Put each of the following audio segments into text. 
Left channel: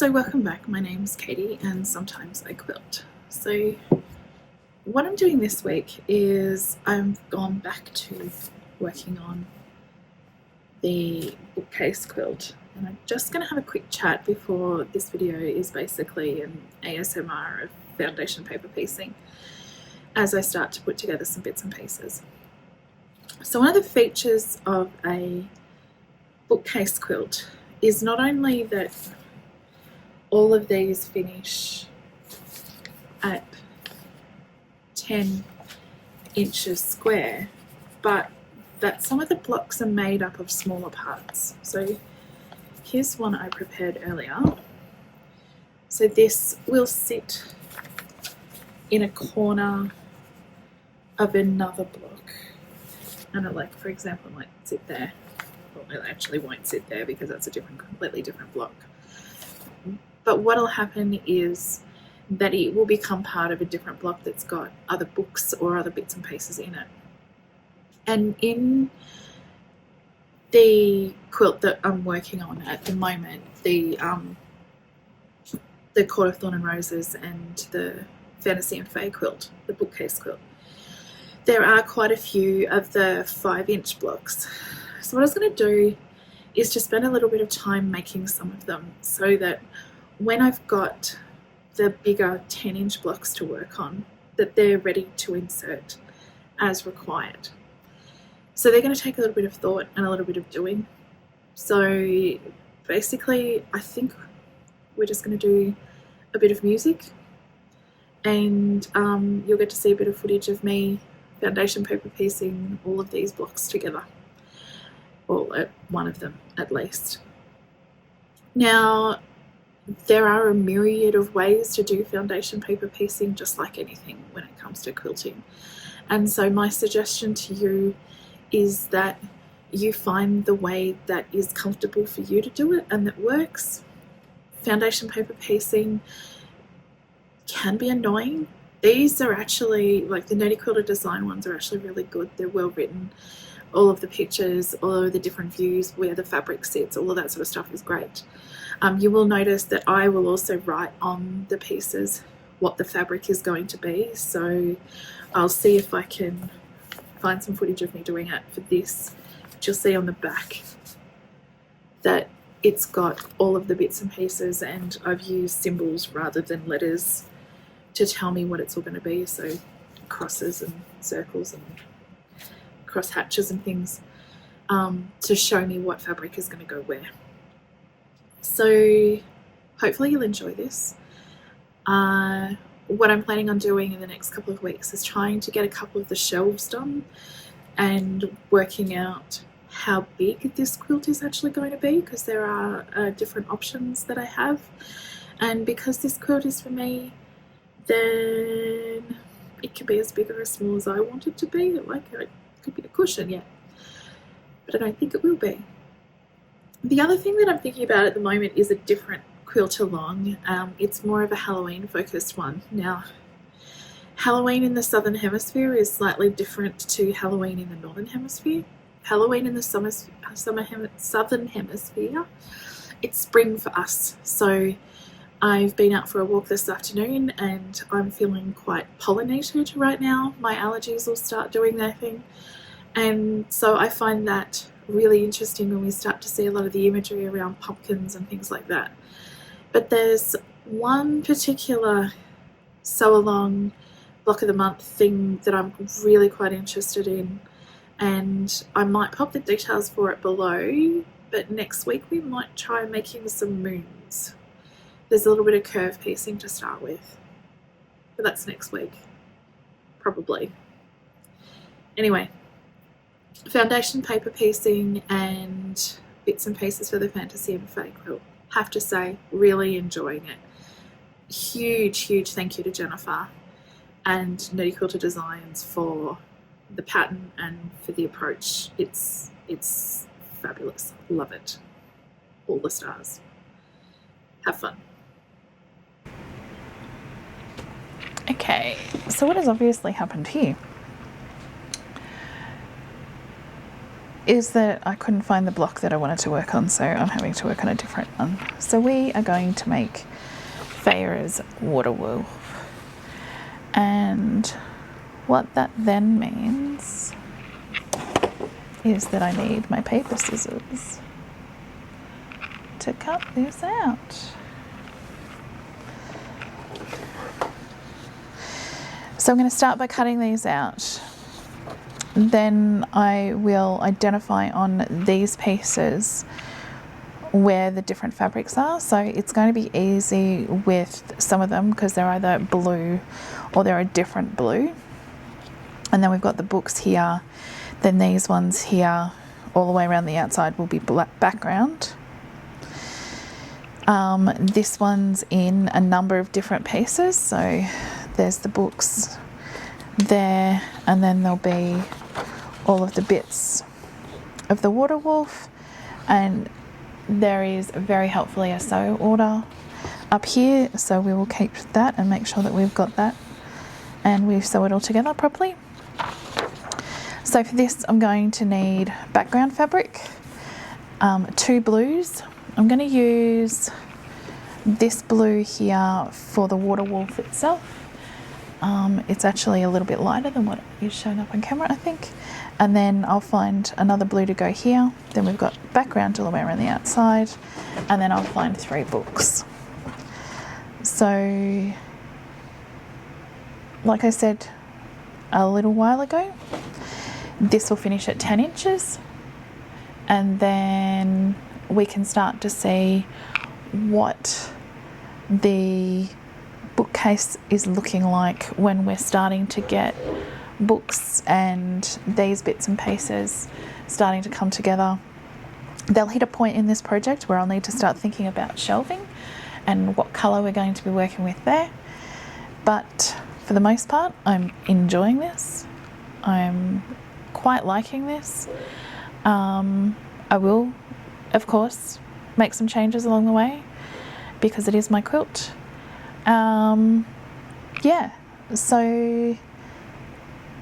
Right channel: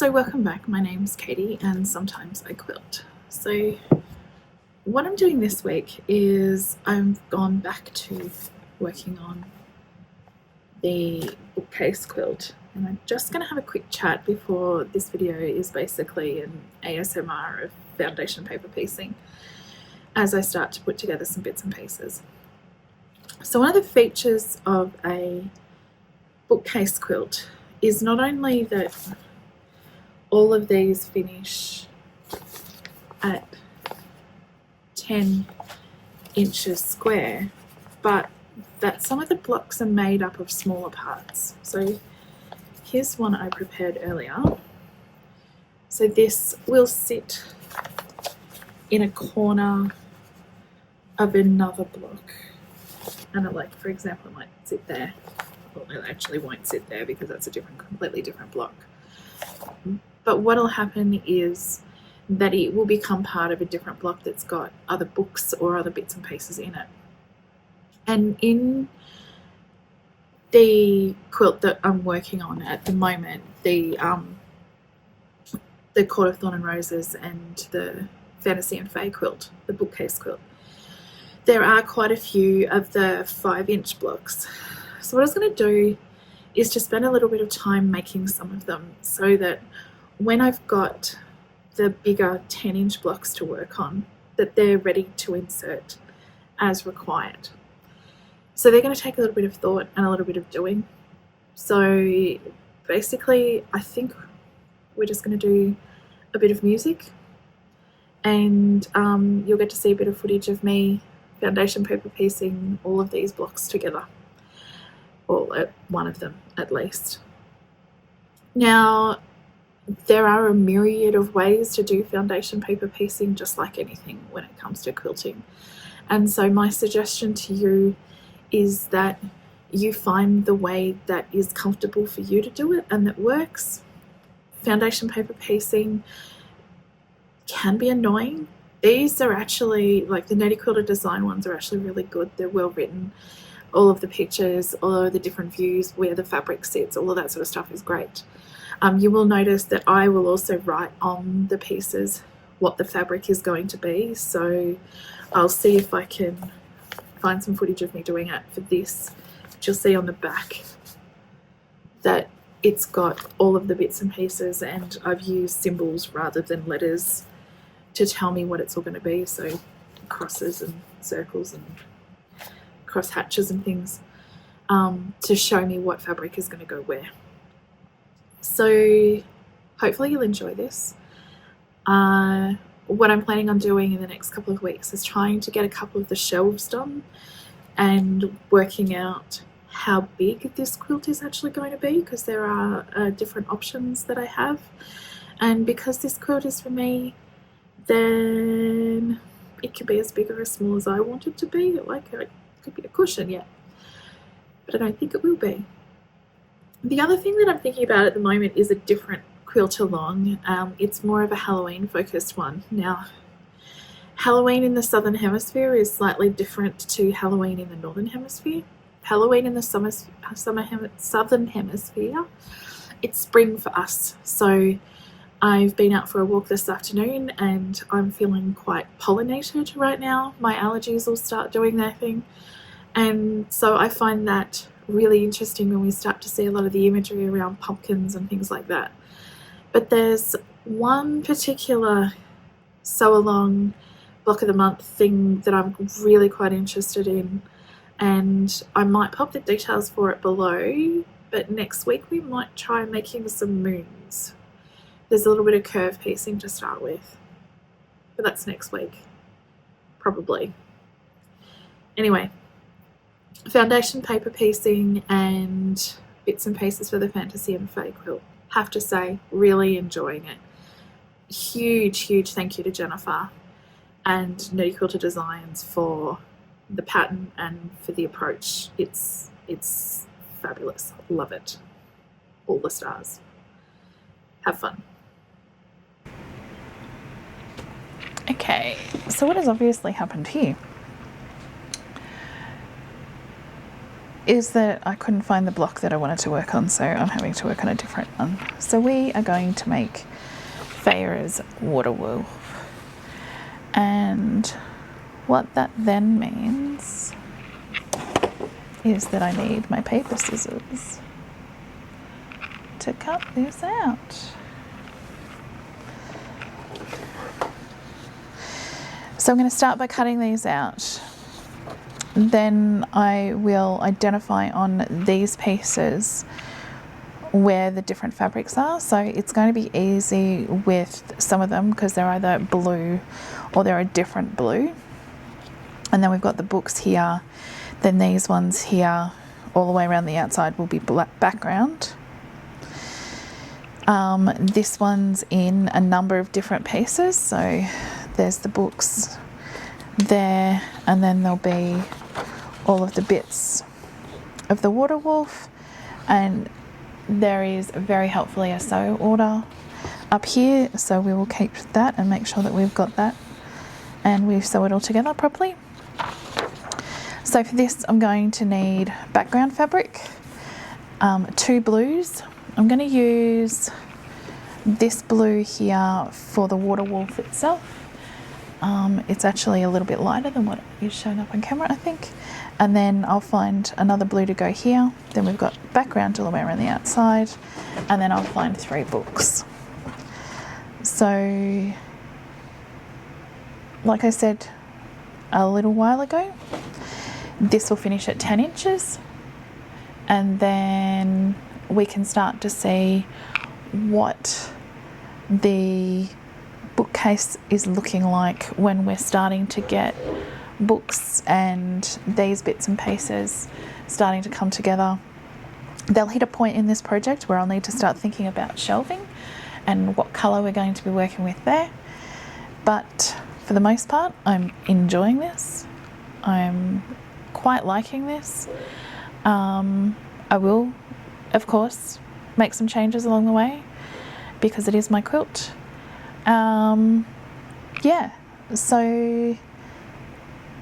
So welcome back, my name's Katie and sometimes I quilt. So what I'm doing this week is I've gone back to working on the bookcase quilt, and I'm just going to have a quick chat before this video is basically an ASMR of foundation paper piecing as I start to put together some bits and pieces. So one of the features of a bookcase quilt is not only that all of these finish at 10 inches square, but that some of the blocks are made up of smaller parts. So here's one I prepared earlier. So this will sit in a corner of another block, and it, like, for example, it might sit there. Well, it actually won't sit there because that's a completely different block. But what will happen is that it will become part of a different block that's got other books or other bits and pieces in it. And in the quilt that I'm working on at the moment, the Court of Thorn and Roses and the Fantasy and Fae quilt, the bookcase quilt, there are quite a few of the 5-inch blocks. So what I was going to do is just spend a little bit of time making some of them so that when I've got the bigger 10-inch blocks to work on, that they're ready to insert as required. So they're going to take a little bit of thought and a little bit of doing. So basically, I think we're just going to do a bit of music, and you'll get to see a bit of footage of me foundation paper piecing all of these blocks together, or one of them at least. Now, there are a myriad of ways to do foundation paper piecing, just like anything when it comes to quilting. And so my suggestion to you is that you find the way that is comfortable for you to do it and that works. Foundation paper piecing can be annoying. These are actually, like, the Nerdy Quilter Design ones are actually really good. They're well written. All of the pictures, all of the different views, where the fabric sits, all of that sort of stuff is great. You will notice that I will also write on the pieces what the fabric is going to be. So I'll see if I can find some footage of me doing it for this. But you'll see on the back that it's got all of the bits and pieces, and I've used symbols rather than letters to tell me what it's all going to be. So crosses and circles and cross hatches and things to show me what fabric is going to go where. So hopefully you'll enjoy this. What I'm planning on doing in the next couple of weeks is trying to get a couple of the shelves done and working out how big this quilt is actually going to be, because there are different options that I have. And because this quilt is for me, then it can be as big or as small as I want it to be. Like, it could be a cushion, yeah, but I don't think it will be. The other thing that I'm thinking about at the moment is a different quilt along. It's more of a Halloween focused one. Now, Halloween in the Southern Hemisphere is slightly different to Halloween in the Northern Hemisphere. Halloween in the Southern Hemisphere, it's spring for us. So I've been out for a walk this afternoon and I'm feeling quite pollinated right now. My allergies will start doing their thing. And so I find that really interesting when we start to see a lot of the imagery around pumpkins and things like that. But there's one particular sew along block of the month thing that I'm really quite interested in, and I might pop the details for it below, but next week we might try making some moons. There's a little bit of curve piecing to start with, but that's next week, probably. Anyway, foundation paper piecing and bits and pieces for the Fantasy and Fae quilt. Have to say, really enjoying it. Huge thank you to Jennifer and Nerdy Quilter Designs for the pattern and for the approach. It's fabulous. Love it. All the stars. Have fun. Okay, so what has obviously happened here is that I couldn't find the block that I wanted to work on, so I'm having to work on a different one. So we are going to make Feyre's water wolf. And what that then means is that I need my paper scissors to cut this out. So I'm going to start by cutting these out. Then I will identify on these pieces where the different fabrics are. So it's going to be easy with some of them because they're either blue or they're a different blue. And then we've got the books here. Then these ones here, all the way around the outside, will be black background. This one's in a number of different pieces. So there's the books there, and then there'll be all of the bits of the water wolf, and there is very helpfully a sew order up here, so we will keep that and make sure that we've got that and we sew it all together properly. So for this I'm going to need background fabric, 2 blues. I'm going to use this blue here for the water wolf itself. It's actually a little bit lighter than what is showing up on camera, I think. And then I'll find another blue to go here. Then we've got background all the way around the outside. And then I'll find 3 books. So, like I said a little while ago, this will finish at 10 inches. And then we can start to see what the bookcase is looking like when we're starting to get books and these bits and pieces starting to come together. They'll hit a point in this project where I'll need to start thinking about shelving and what colour we're going to be working with there. But for the most part, I'm enjoying this. I'm quite liking this. I will, of course, make some changes along the way because it is my quilt. Yeah, so I'm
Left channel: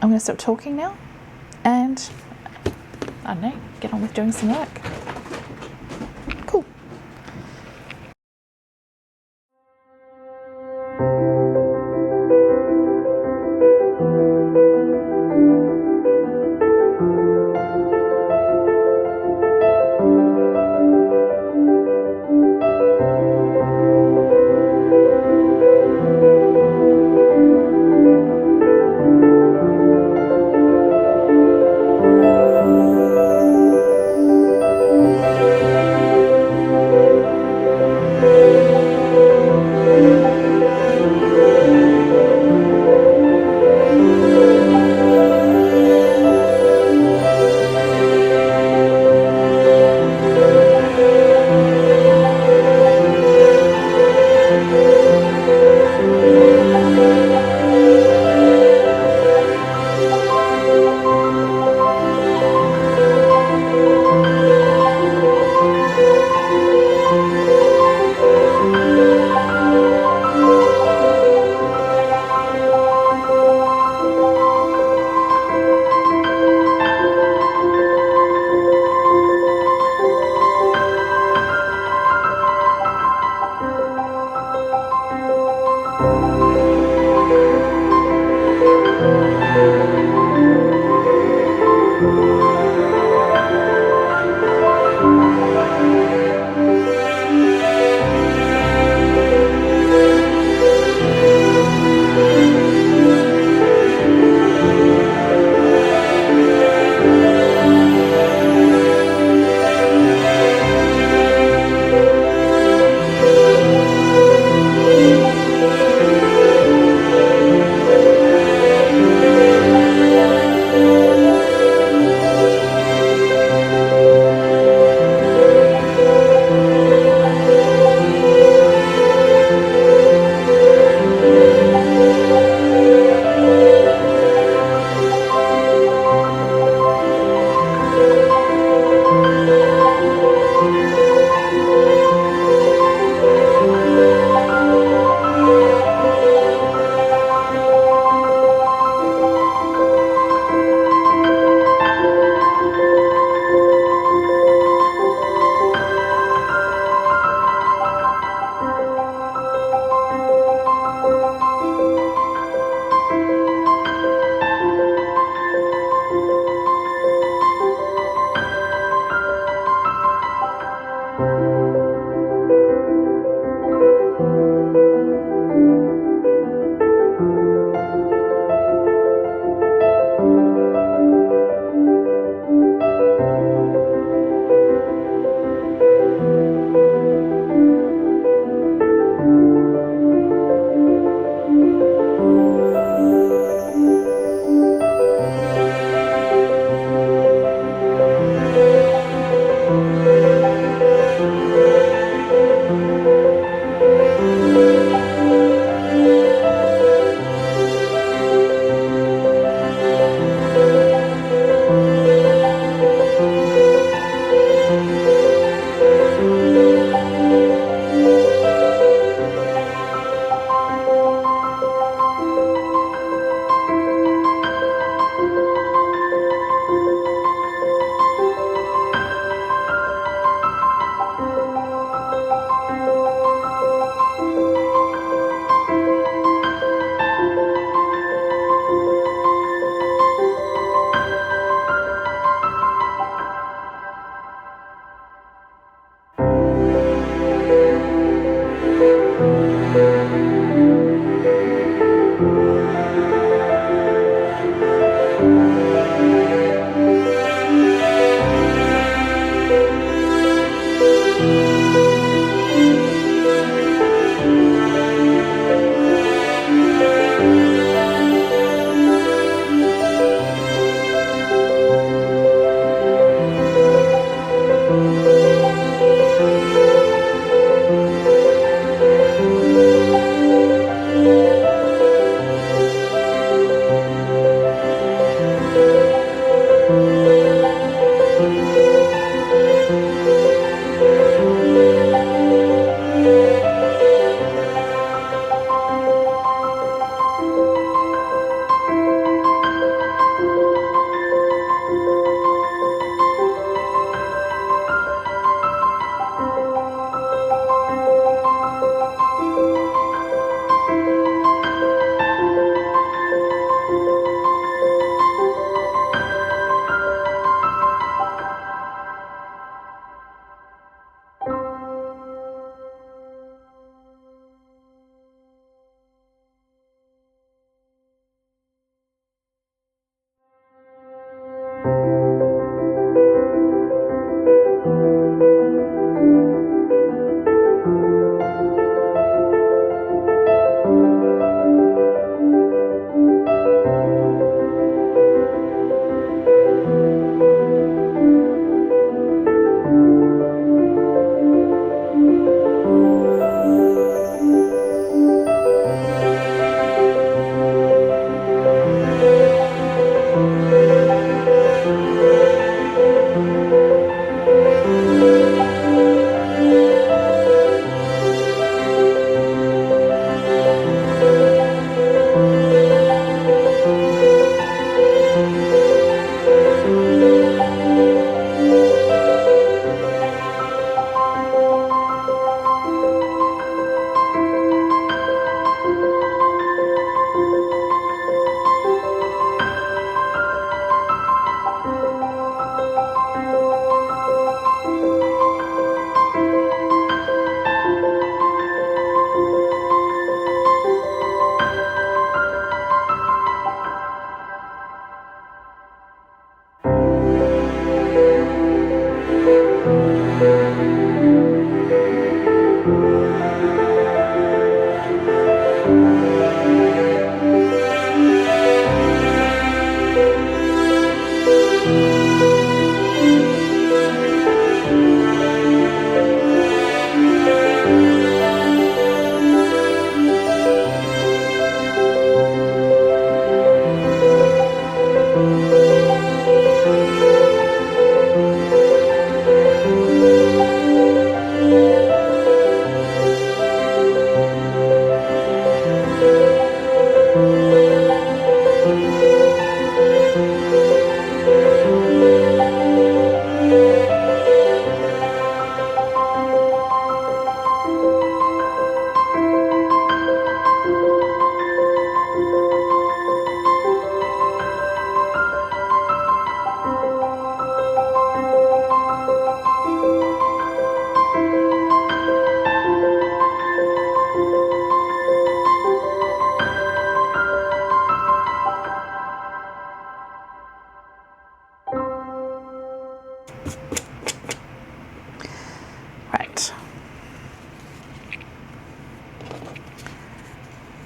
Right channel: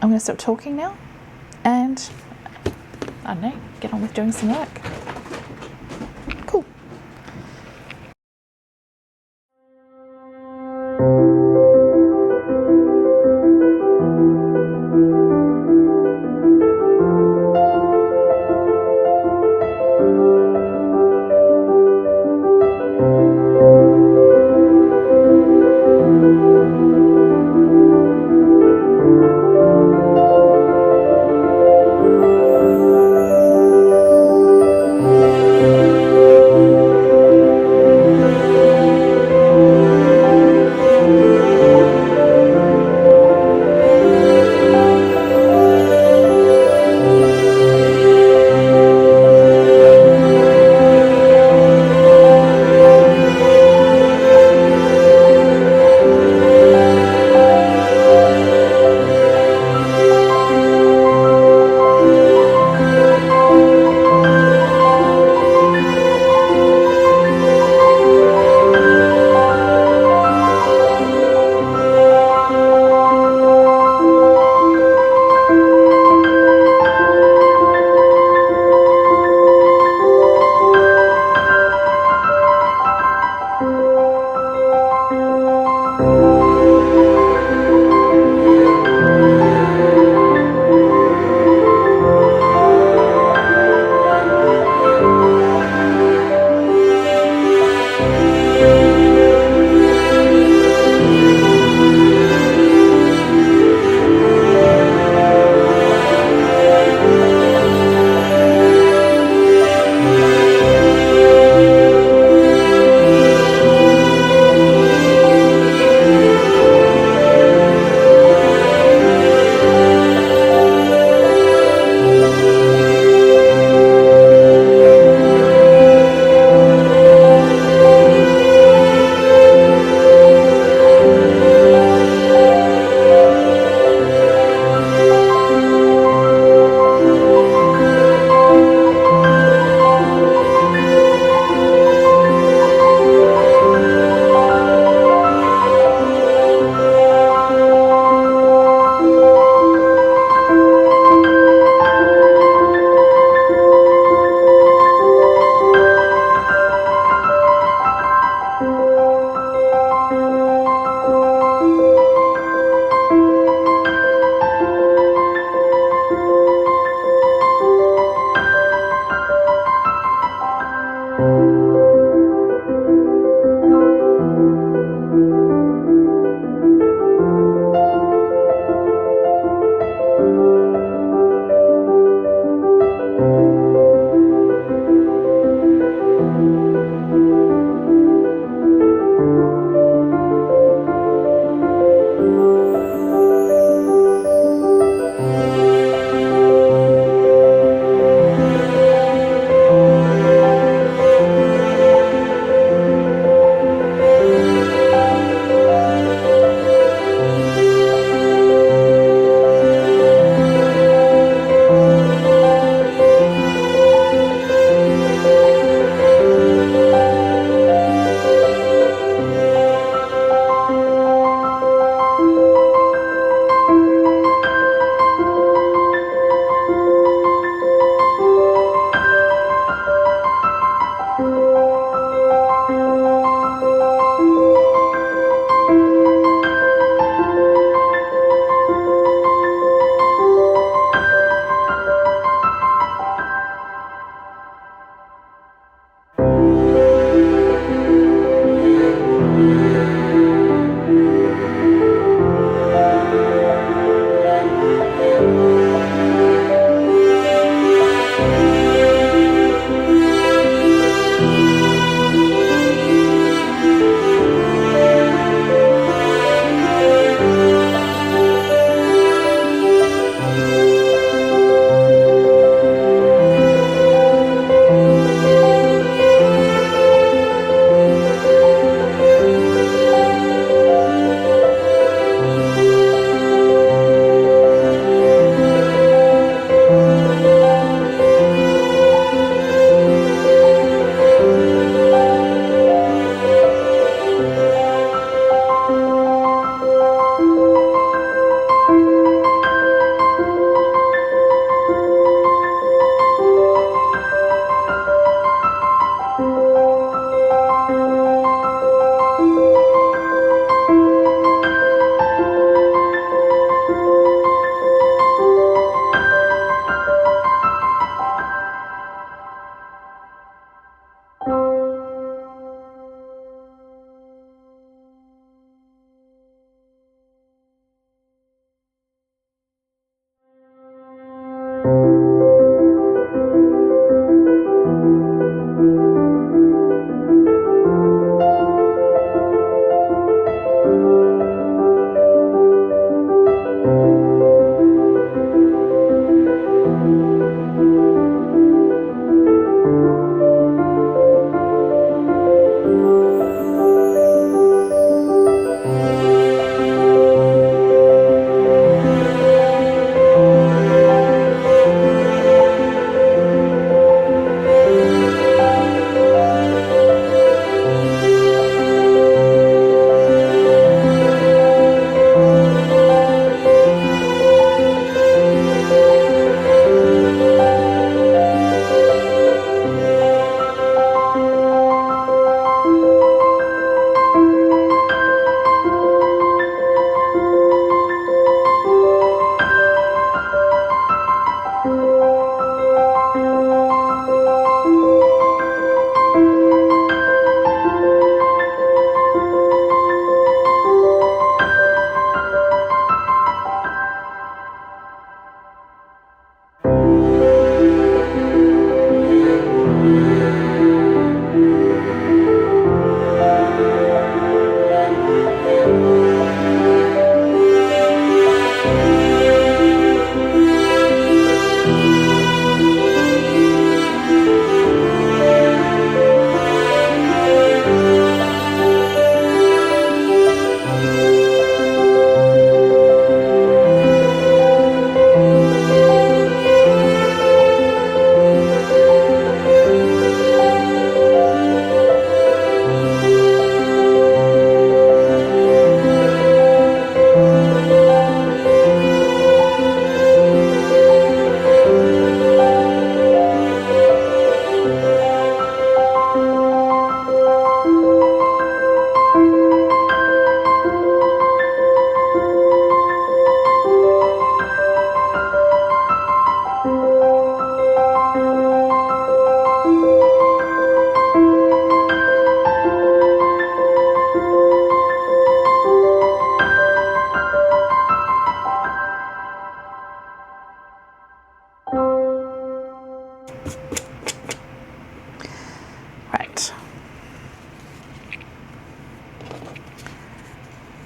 going to stop talking now and, I don't know, get on with doing some work. Cool.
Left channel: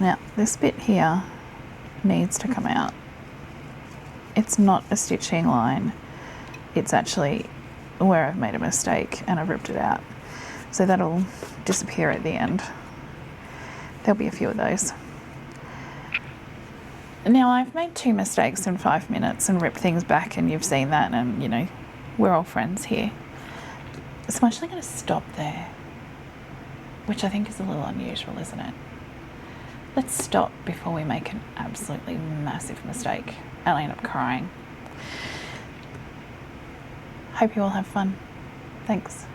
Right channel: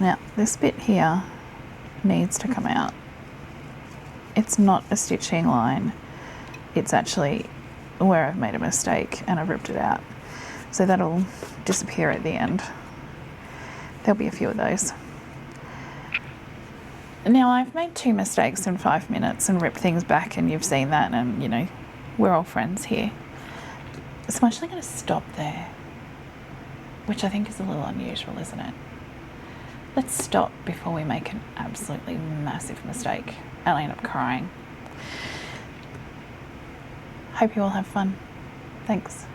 Now, this bit here needs to come out. It's not a stitching line. It's actually where I've made a mistake and I've ripped it out. So that'll disappear at the end. There'll be a few of those. Now, I've made 2 mistakes in 5 minutes and ripped things back, and you've seen that, and you know, we're all friends here. So I'm actually going to stop there, which I think is a little unusual, isn't it? Let's stop before we make an absolutely massive mistake and I end up crying. Hope you all have fun. Thanks.